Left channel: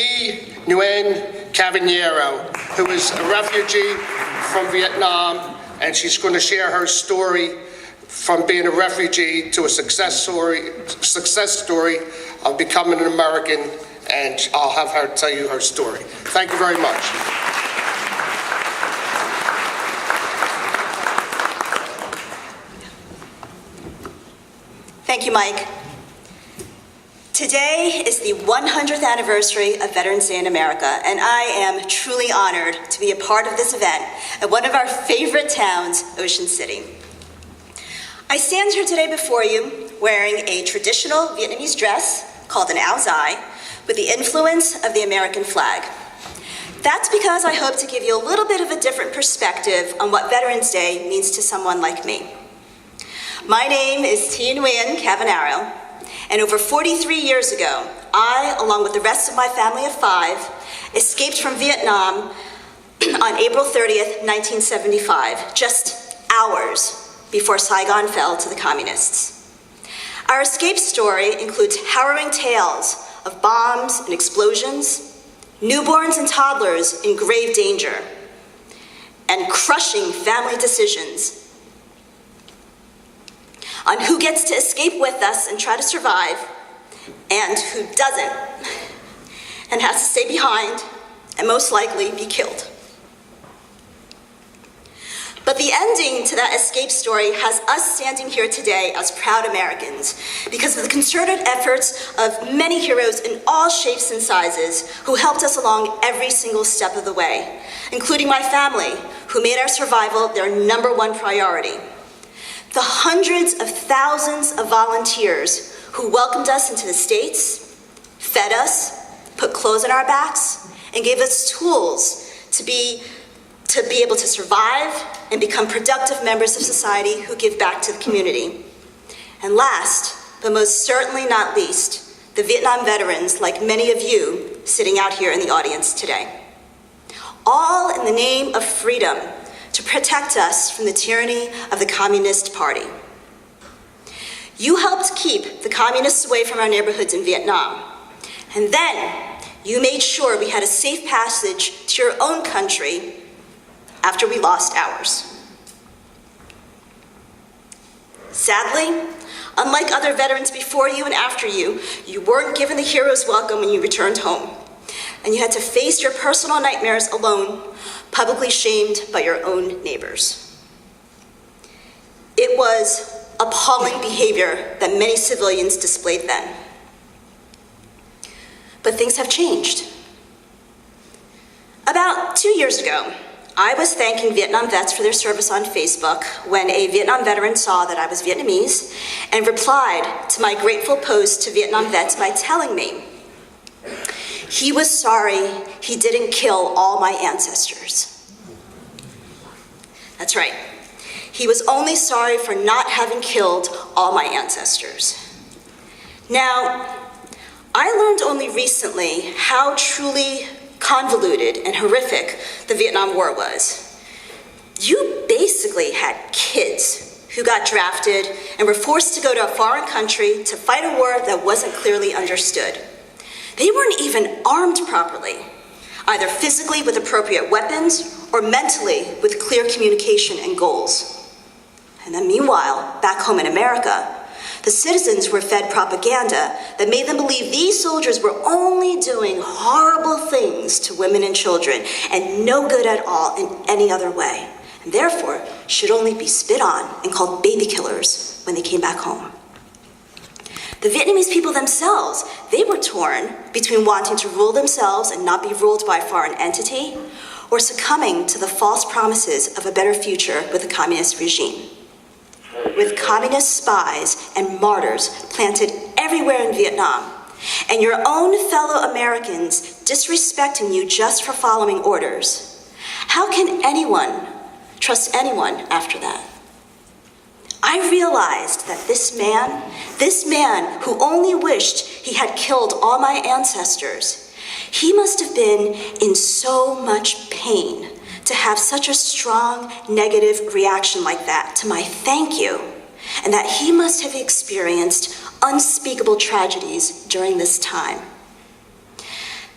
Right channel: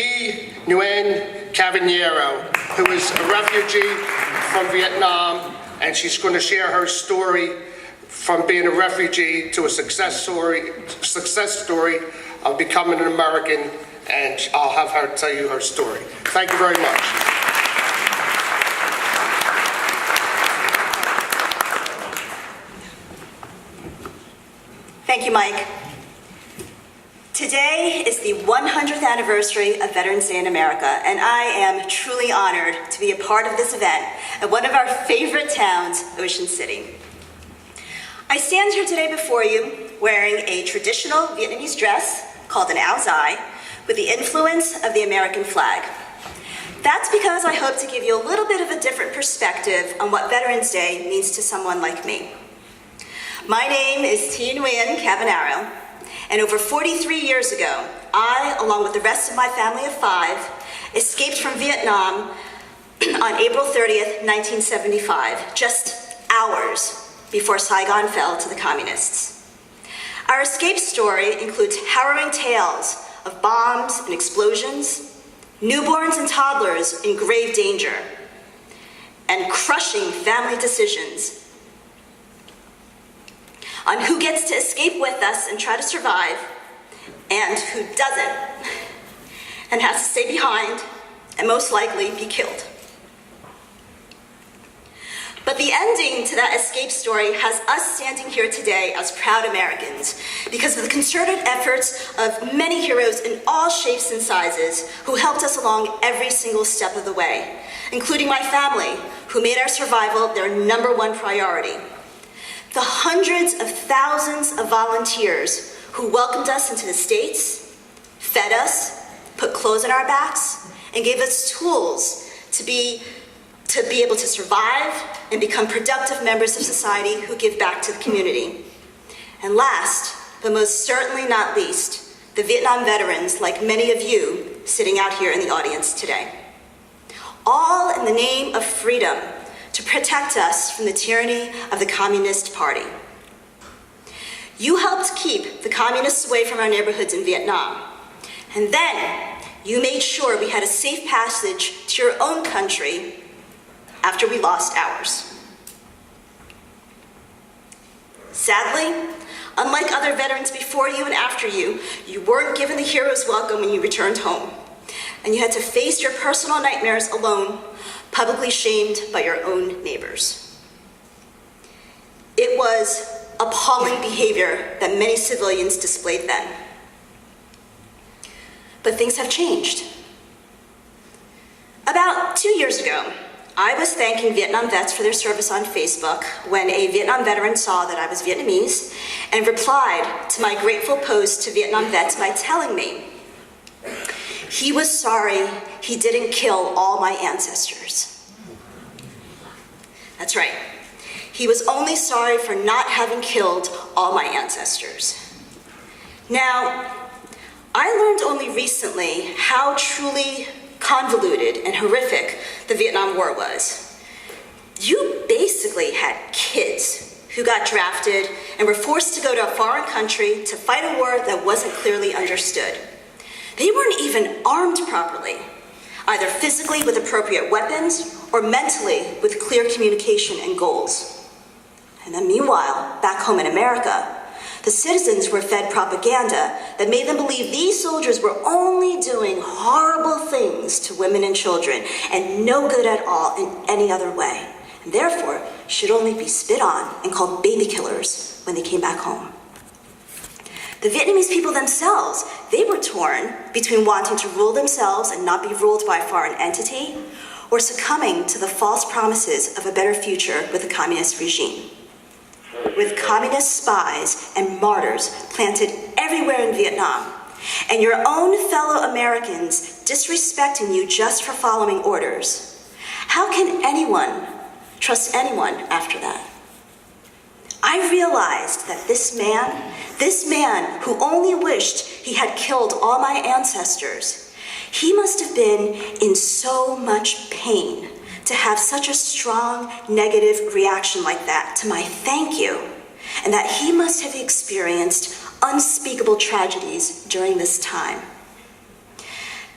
T. Nguyen Cavaniero, who is a refugee from Vietnam, and she's going to share her story from being a refugee to a success story of becoming an American, and I'll have her tell you her story. Thank you very much. Thank you, Mike. Today is the 100th anniversary of Veterans Day in America, and I am truly honored to be a part of this event at one of our favorite towns, Ocean City. I stand here today before you wearing a traditional Vietnamese dress called an áo dài with the influence of the American flag. That's because I hope to give you a little bit of a different perspective on what Veterans Day means to someone like me. My name is T. Nguyen Cavaniero, and over 43 years ago, I, along with the rest of my family of 5, escaped from Vietnam on April 30th, 1975, just hours before Saigon fell to the communists. Our escape story includes harrowing tales of bombs and explosions, newborns and toddlers in grave danger, and crushing family decisions on who gets to escape with us and try to survive, and who doesn't, and has to stay behind and most likely be killed. But the ending to that escape story has us standing here today as proud Americans because of the concerted efforts of many heroes in all shapes and sizes who helped us along every single step of the way, including my family, who made our survival their #1 priority. The hundreds of thousands of volunteers who welcomed us into the States, fed us, put clothes on our backs, and gave us tools to be able to survive and become productive members of society who give back to the community. And last, but most certainly not least, the Vietnam veterans, like many of you sitting out here in the audience today. All in the name of freedom, to protect us from the tyranny of the Communist Party. You helped keep the communists away from our neighborhoods in Vietnam, and then you made sure we had a safe passage to your own country after we lost ours. Sadly, unlike other veterans before you and after you, you weren't given the hero's welcome when you returned home, and you had to face your personal nightmares alone, publicly shamed by your own neighbors. It was appalling behavior that many civilians displayed then. But things have changed. About 2 years ago, I was thanking Vietnam vets for their service on Facebook when a Vietnam veteran saw that I was Vietnamese and replied to my grateful post to Vietnam vets by telling me he was sorry he didn't kill all my ancestors. That's right. He was only sorry for not having killed all my ancestors. Now, I learned only recently how truly convoluted and horrific the Vietnam War was. You basically had kids who got drafted and were forced to go to a foreign country to fight a war that wasn't clearly understood. They weren't even armed properly, either physically with appropriate weapons or mentally with clear communication and goals. And then meanwhile, back home in America, the citizens were fed propaganda that made them believe these soldiers were only doing horrible things to women and children and no good at all in any other way, and therefore should only be spit on and called baby killers when they came back home. The Vietnamese people themselves, they were torn between wanting to rule themselves and not be ruled by a foreign entity, or succumbing to the false promises of a better future with the communist regime. With communist spies and martyrs planted everywhere in Vietnam, and your own fellow Americans disrespecting you just for following orders, how can anyone trust anyone after that? I realized that this man who only wished he had killed all my ancestors, he must have been in so much pain to have such a strong negative reaction like that to my thank you, and that he must have experienced unspeakable tragedies during this time.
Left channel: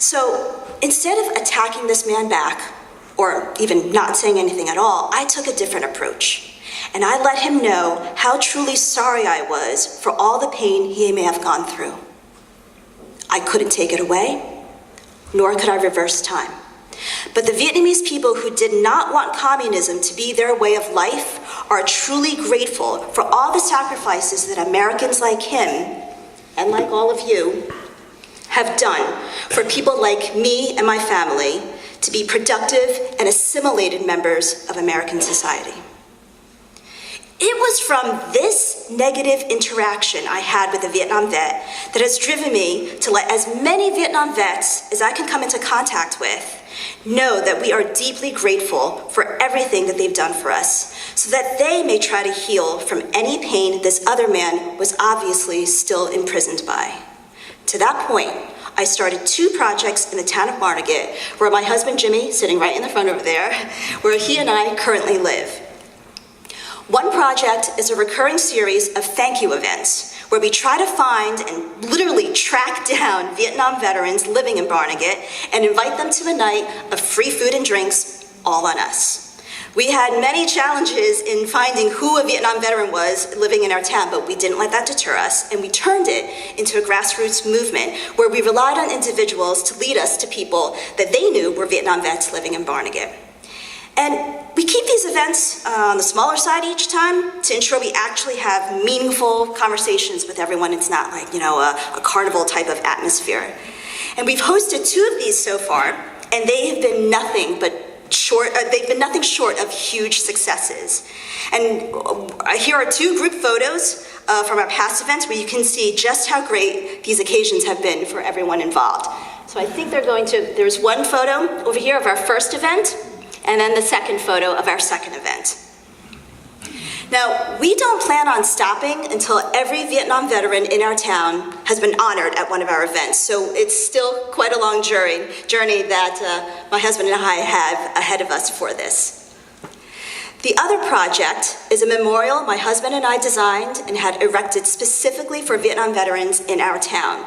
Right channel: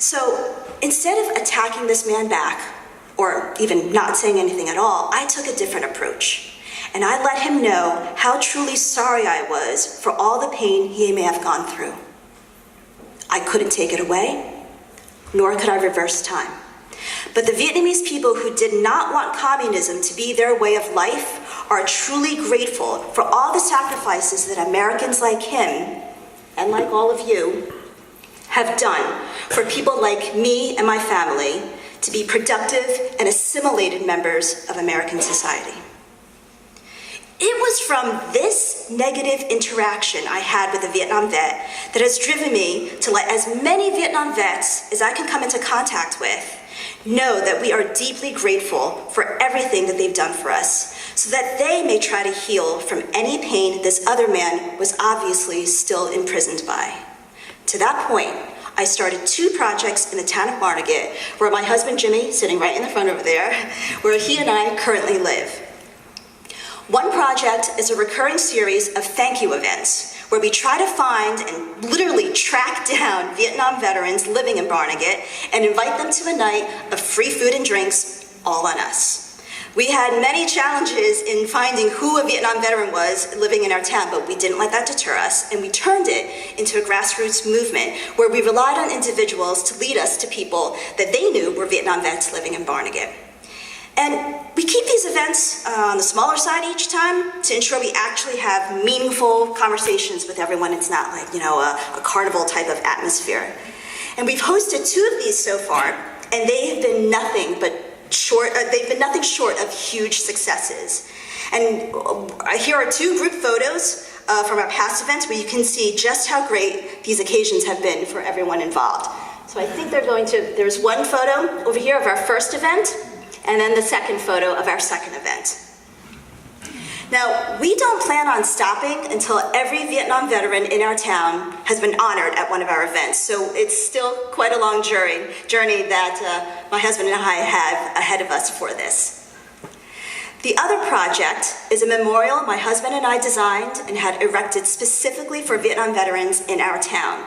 So instead of attacking this man back, or even not saying anything at all, I took a different approach. And I let him know how truly sorry I was for all the pain he may have gone through. I couldn't take it away, nor could I reverse time. But the Vietnamese people who did not want communism to be their way of life are truly grateful for all the sacrifices that Americans like him, and like all of you, have done for people like me and my family to be productive and assimilated members of American society. It was from this negative interaction I had with a Vietnam vet that has driven me to let as many Vietnam vets as I can come into contact with know that we are deeply grateful for everything that they've done for us, so that they may try to heal from any pain this other man was obviously still imprisoned by. To that point, I started 2 projects in the town of Barnegat, where my husband Jimmy, sitting right in the front over there, where he and I currently live. One project is a recurring series of thank you events, where we try to find and literally track down Vietnam veterans living in Barnegat and invite them to a night of free food and drinks, all on us. We had many challenges in finding who a Vietnam veteran was living in our town, but we didn't let that deter us, and we turned it into a grassroots movement where we relied on individuals to lead us to people that they knew were Vietnam vets living in Barnegat. And we keep these events on the smaller side each time to ensure we actually have meaningful conversations with everyone. It's not like, a carnival type of atmosphere. And we've hosted 2 of these so far, and they have been nothing short of huge successes. And here are 2 group photos from our past events where you can see just how great these occasions have been for everyone involved. So I think there's one photo over here of our first event, and then the second photo of our second event. Now, we don't plan on stopping until every Vietnam veteran in our town has been honored at one of our events, so it's still quite a long journey that my husband and I have ahead of us for this. The other project is a memorial my husband and I designed and had erected specifically for Vietnam veterans in our town.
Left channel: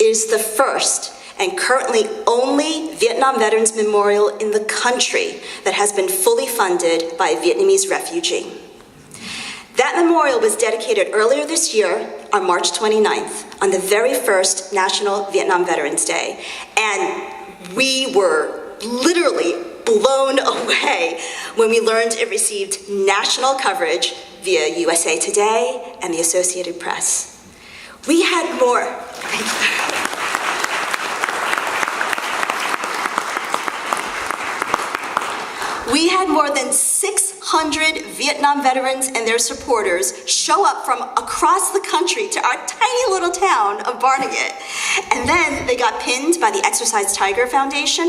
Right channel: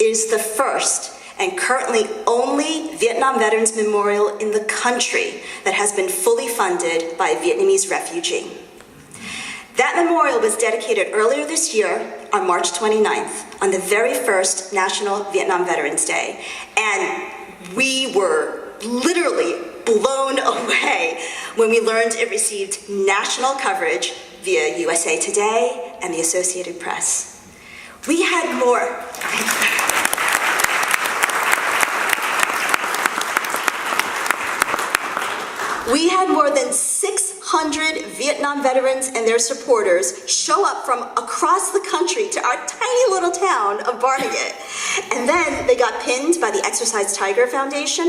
It is the first and currently only Vietnam Veterans Memorial in the country that has been fully funded by a Vietnamese refugee. That memorial was dedicated earlier this year on March 29th, on the very first National Vietnam Veterans Day, and we were literally blown away when we learned it received national coverage via USA Today and the Associated Press. We had more. We had more than 600 Vietnam veterans and their supporters show up from across the country to our tiny little town of Barnegat. And then they got pinned by the Exercise Tiger Foundation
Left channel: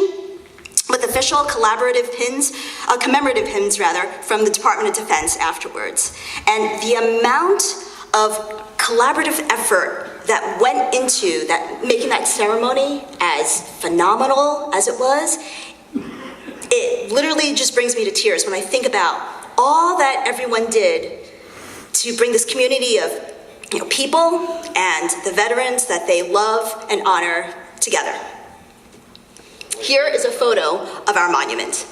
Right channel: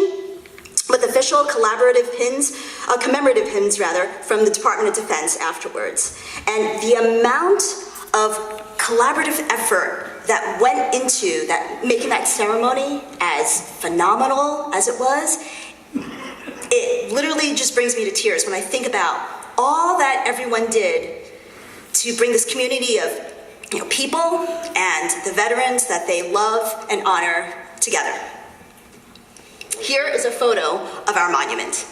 with official commemorative pins from the Department of Defense afterwards. And the amount of collaborative effort that went into making that ceremony as phenomenal as it was, it literally just brings me to tears when I think about all that everyone did to bring this community of people and the veterans that they love and honor together. Here is a photo of our monument.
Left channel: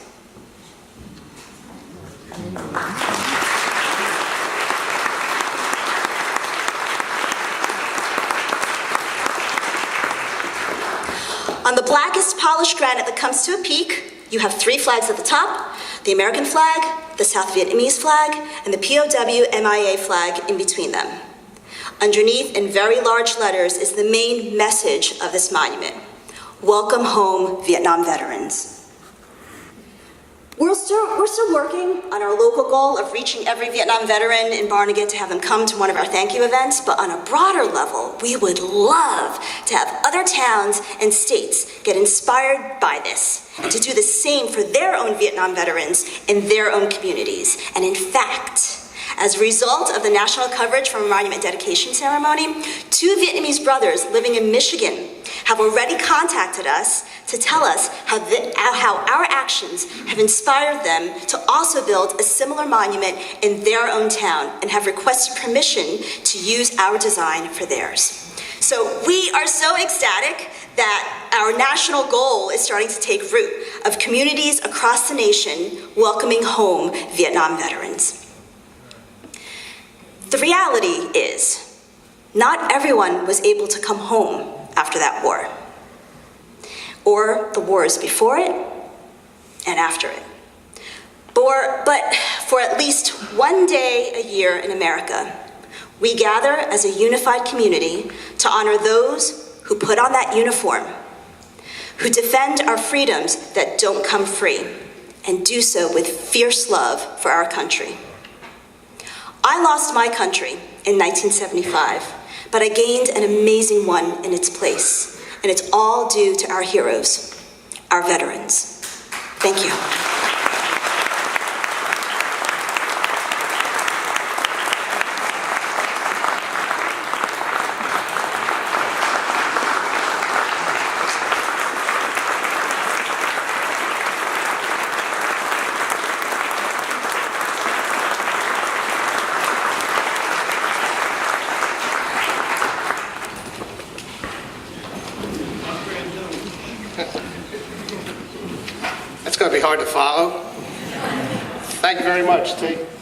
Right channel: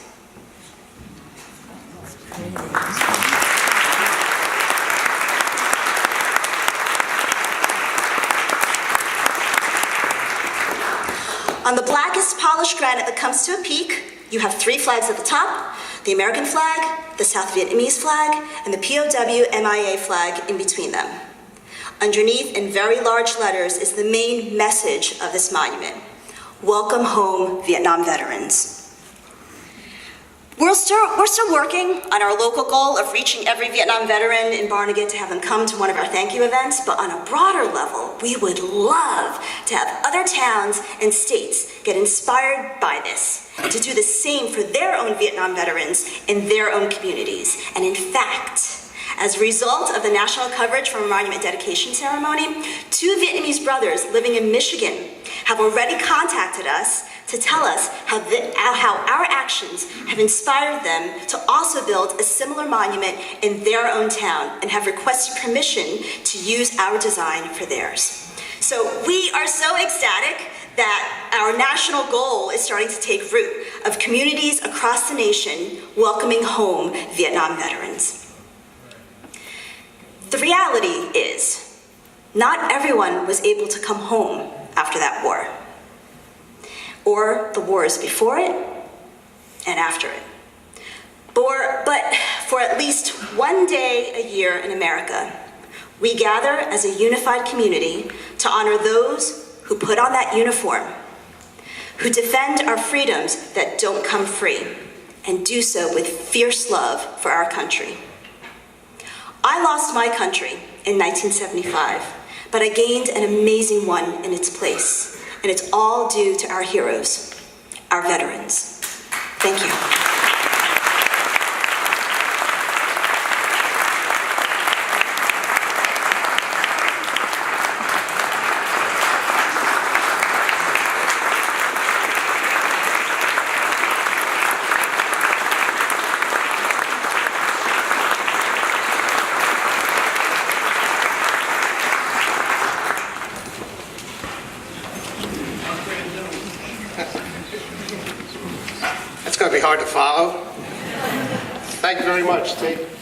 On the blackest polished granite that comes to a peak, you have 3 flags at the top: the American flag, the South Vietnamese flag, and the POW MIA flag in between them. Underneath, in very large letters, is the main message of this monument: welcome home, Vietnam veterans. We're still working on our local goal of reaching every Vietnam veteran in Barnegat to have them come to one of our thank you events, but on a broader level, we would love to have other towns and states get inspired by this and to do the same for their own Vietnam veterans in their own communities. And in fact, as a result of the national coverage from a monument dedication ceremony, 2 Vietnamese brothers living in Michigan have already contacted us to tell us how our actions have inspired them to also build a similar monument in their own town and have requested permission to use our design for theirs. So we are so ecstatic that our national goal is starting to take root of communities across the nation welcoming home Vietnam veterans. The reality is, not everyone was able to come home after that war, or the wars before it and after it. But for at least one day a year in America, we gather as a unified community to honor those who put on that uniform, who defend our freedoms that don't come free, and do so with fierce love for our country. I lost my country in 1975, but I gained an amazing one in its place, and it's all due to our heroes, our veterans. Thank you. It's going to be hard to follow. Thank you very much, T.